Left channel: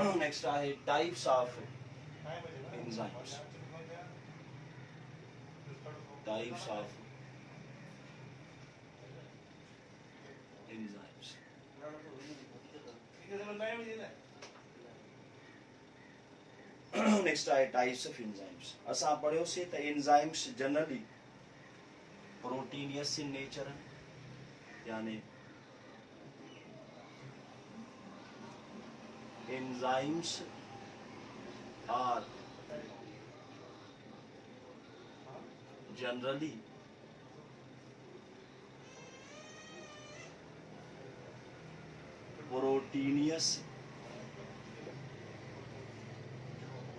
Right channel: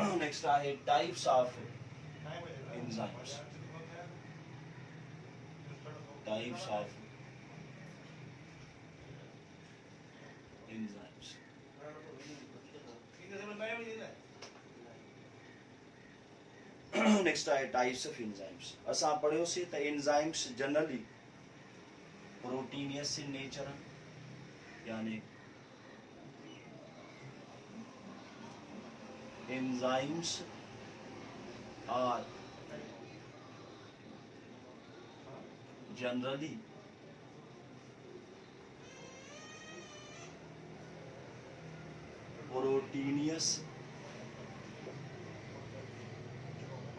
Next आहे types of enzymes. Types of enzymes. Next आहे types of enzymes. असां पढ़ियोसीं त enzymes generally proteinaceous in nature, यानी enzymes are generally proteinous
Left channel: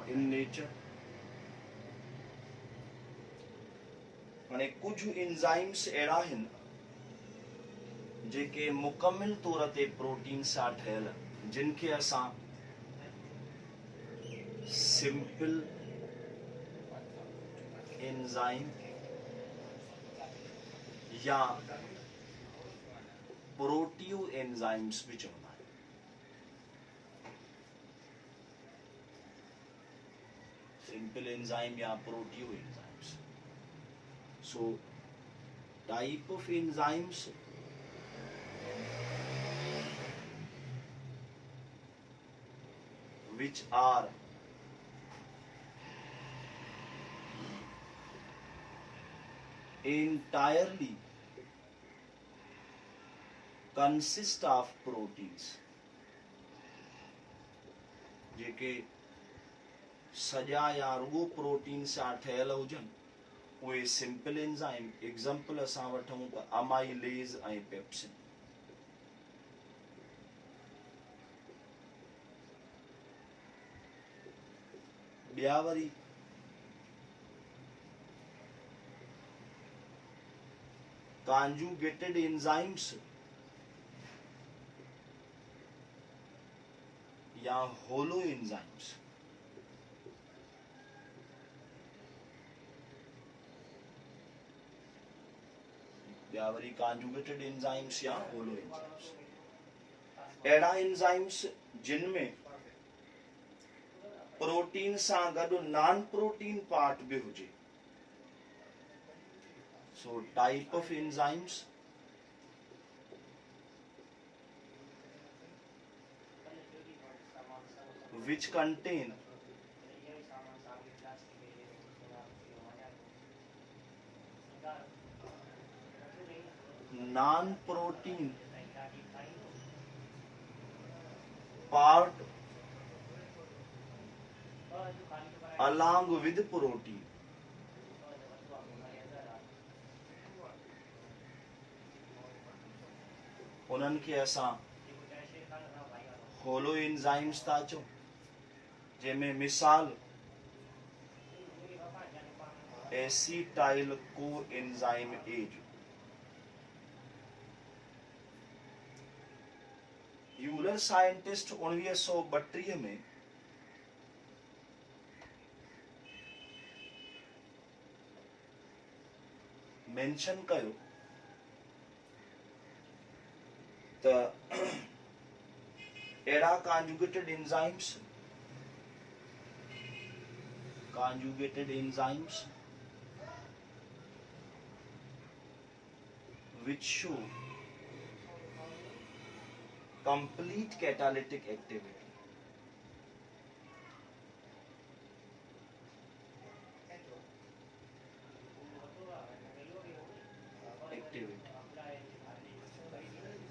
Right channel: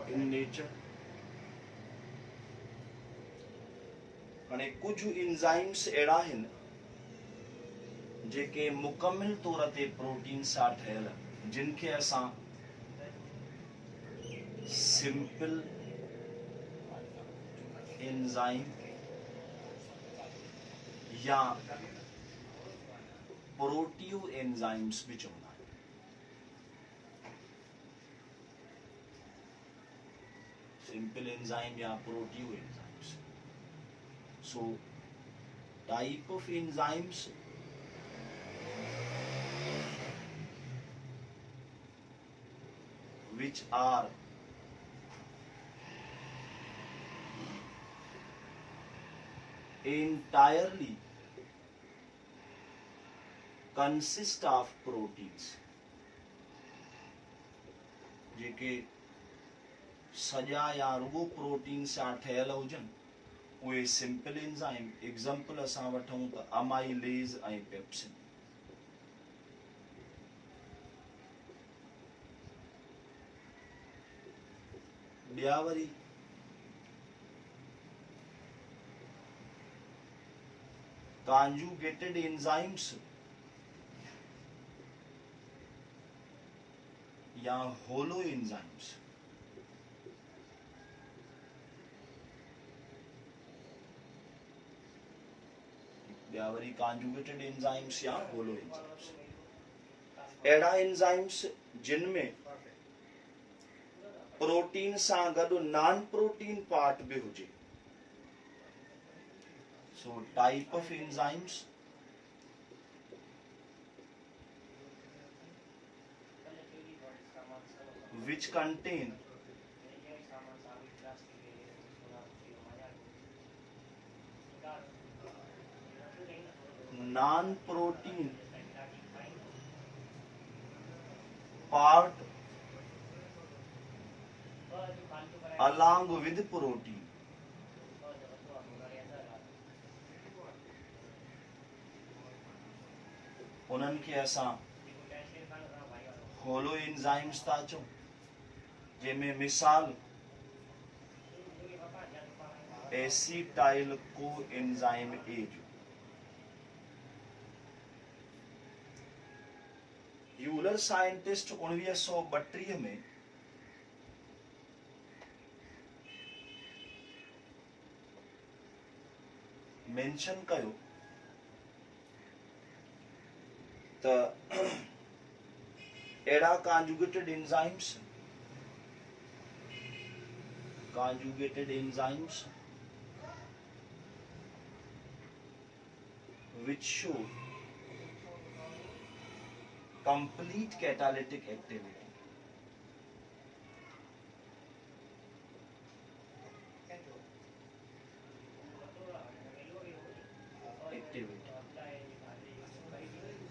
in nature अने कुछ enzymes अहिड़ा आहिनि जेके मुकमिल तौर ते प्रोटीन सां ठहियल, जिनखे असां सिंपल एंजाइम या प्रोटीव एंजाइम्स भी चवंदा आहियूं. सिंपल एंजाइम या प्रोटीव enzymes. So type of enzymes which are entirely consist of proteins, जेके सॼा या रुगो प्रोटीन सां ठहियल हुजनि, उहे सिंपल एंजाइम. एग्जाम्पल असां वठूं त अमाइलेज ऐं पेप्सिन. ॿिया वरी कॉन्जुगेटेड एंजाइम्स या होलो एंजाइम्स. ॿिया वरी कॉन्जुगेटेड एंजाइम्स या होलो एंजाइम्स. अहिड़ा एंजाइम्स जिन में प्रोटीन सां गॾु नॉन प्रोटीन पार्ट भी हुजे. सो type of enzymes which contain non protein part along with protein. उन्हनि खे असां होलो एंजाइम्स था चऊं, जंहिंमें मिसाल एसिटाइल को एंजाइम ए जो. यूलर साइंटिस्ट 1932 में मेंशन कयो त अहिड़ा conjugated enzymes which show complete catalytic activity.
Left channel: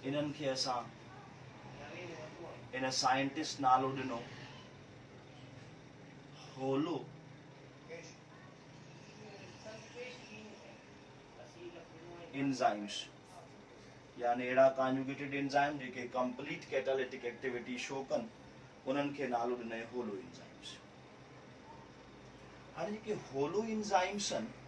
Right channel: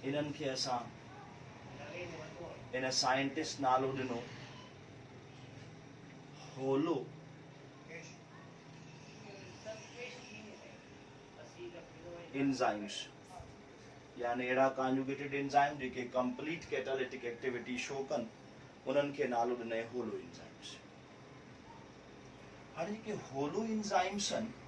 इन्हनि खे असां इन साइंटिस्ट नालो ॾिनो होलो एंजाइम्स, यानी अहिड़ा कॉन्जुगेटेड एंजाइम जेके कंप्लीट कैटालिटिक एक्टिविटी शो कनि, उन्हनि खे नालो ॾिनई होलो एंजाइम्स. हाणे जेके होलो एंजाइम्स आहिनि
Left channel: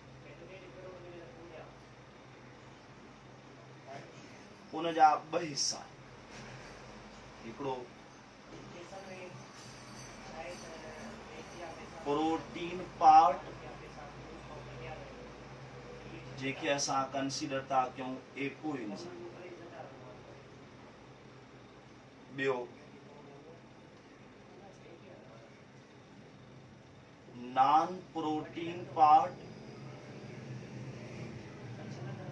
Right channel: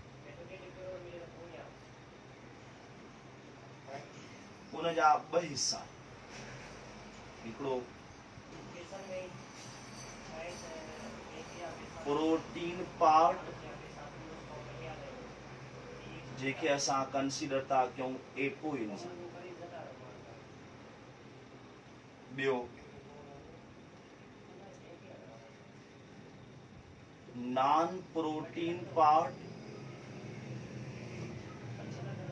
उन जा ॿ हिस्सा. हिकिड़ो प्रोटीन पार्ट जेके असां कंसीडर था कयूं एपो एंजाइम. ॿियो नॉन प्रोटीन पार्ट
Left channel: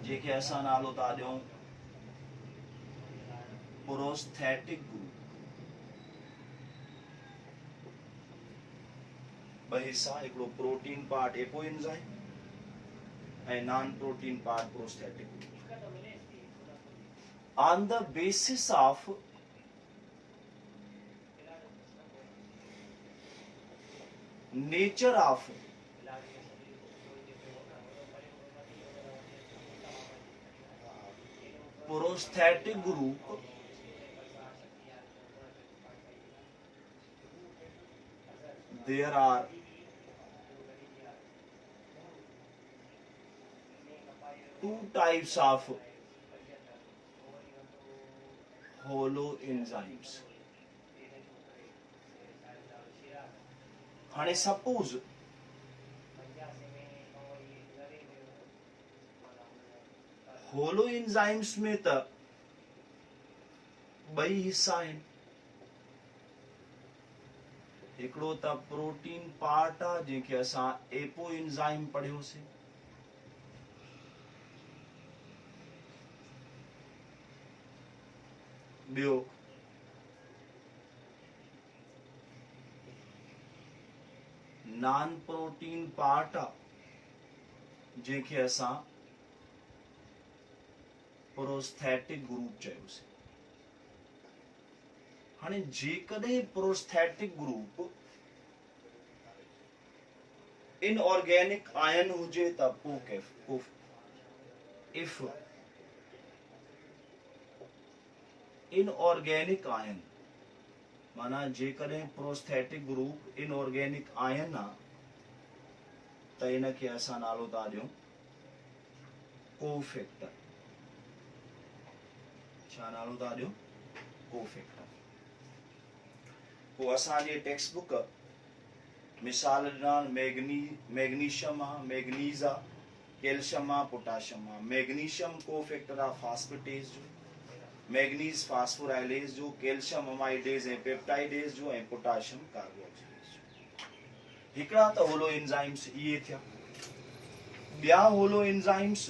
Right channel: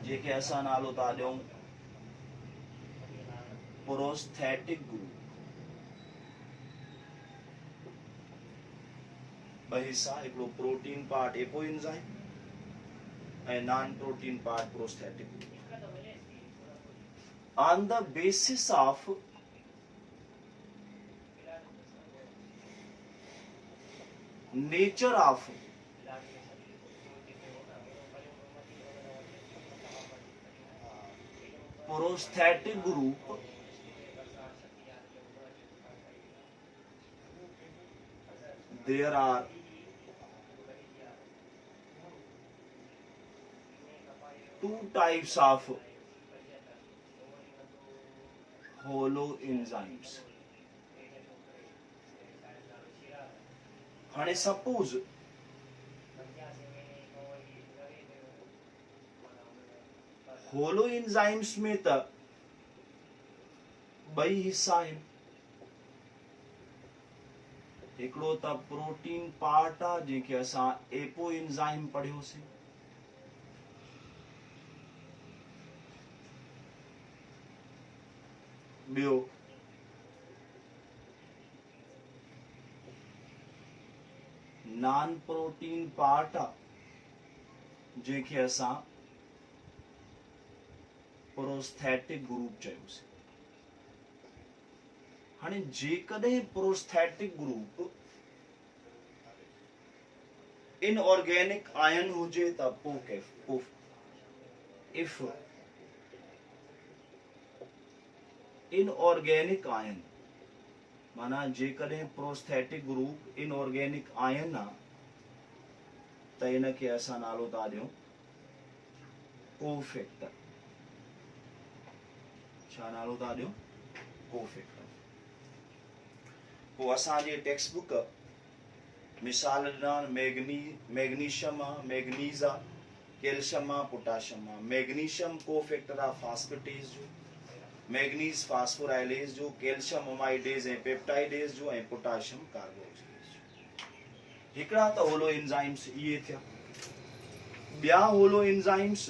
जेके असां नालो था ॾियूं प्रोस्थेटिक ग्रुप। ॿ हिस्सा, हिकिड़ो प्रोटीन पार्ट एपो एंजाइम ऐं non protein part prosthetic group. On the basis of nature of prosthetic group, there are two types of hollow enzymes. हाणे suppose होलो enzymes में त ॿई हिस्सा आहिनि, हिकिड़ो त प्रोटीन पार्ट आहे जंहिंखे असां एपो एंजाइम पढ़ियोसीं, ॿियो नॉन प्रोटीन पार्ट आहे जंहिंखे असां प्रोस्थेटिक ग्रुप चयोसीं। हाणे जेकॾहिं प्रोस्थेटिक ग्रुप इनऑर्गेनिक आयन हुजे त पोइ इफ इनऑर्गेनिक आयन माना जेकॾहिं प्रोस्थेटिक ग्रुप इनऑर्गेनिक आयन आहे त इनखे असां नालो था ॾियूं कोफैक्टर। छा नालो था ॾियूं? कोफैक्टर। पोइ असांजे टेक्स्ट बुक मिसाल ॾिना मैग्नीशियम आहे, मैग्नीज़ आहे, कैल्शियम आहे, पोटाशियम आहे। मैग्नीशियम कोफैक्टर आहे फास्फेटेज जो, मैग्नीज फास्फोराइलेज जो, कैल्शियम अमाइडेज ऐं पेप्टाइडेज जो ऐं पोटाशियम कार्बोक्सिलेज जो। हिकिड़ा त होलो एंजाइम्स इहे थिया। ॿिया होलो एंजाइम्स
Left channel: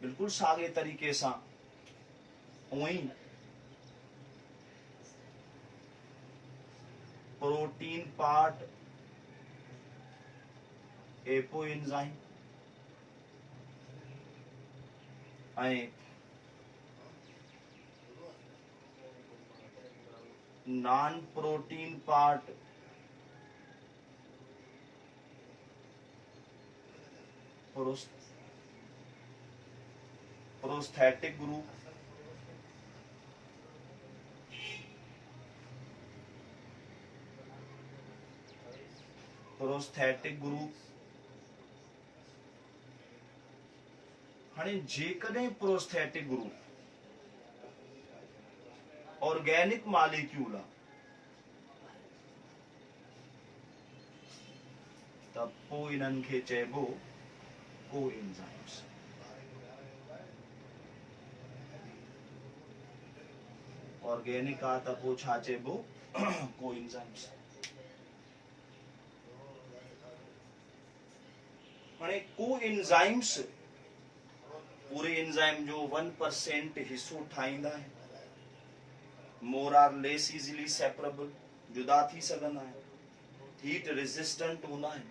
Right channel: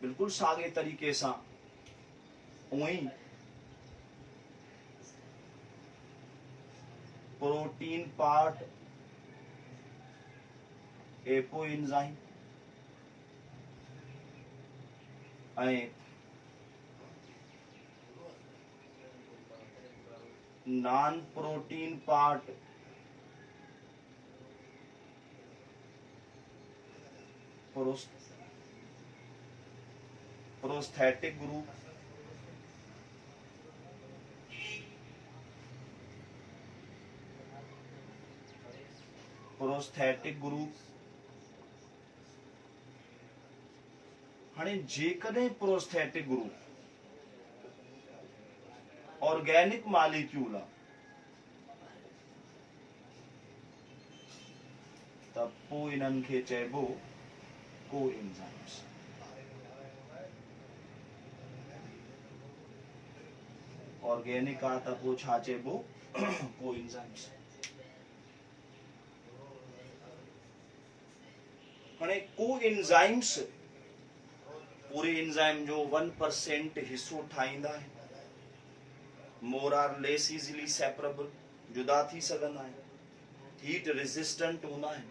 बिल्कुलु साॻे तरीक़े सां उअं ई प्रोटीन पार्ट एपो एंजाइम ऐं non protein part prosthetic group हाणे जेकॾहिं प्रोस्थेटिक ग्रुप ऑर्गेनिक मॉलिक्यूल आहे त पोइ इन्हनि खे चइबो कोएंजाइम्स। ऑर्गेनिक आहे त पोइ छा चइबो? कोएंजाइम्स। हाणे कोएंजाइम्स पूरे एंजाइम जो 1% हिस्सो ठाहींदा आहिनि, मोर आर लेस इजीली सेपरेबल, जुदा थी सघंदा आहिनि, हीट रेजिस्टेंट हूंदा आहिनि,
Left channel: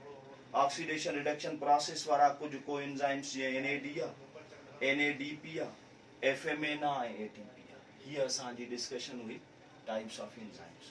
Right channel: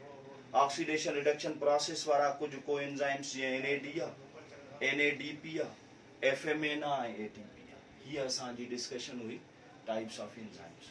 ऑक्सीडेशन रिडक्शन प्रोसेस वारा कुझु कोएंजाइम्स जीअं NAD आहे, NADP आहे, FMN आहे ऐं ATP आहे। हीअ असांजी डिस्कशन हुई टाइप्स ऑफ एंजाइम्स।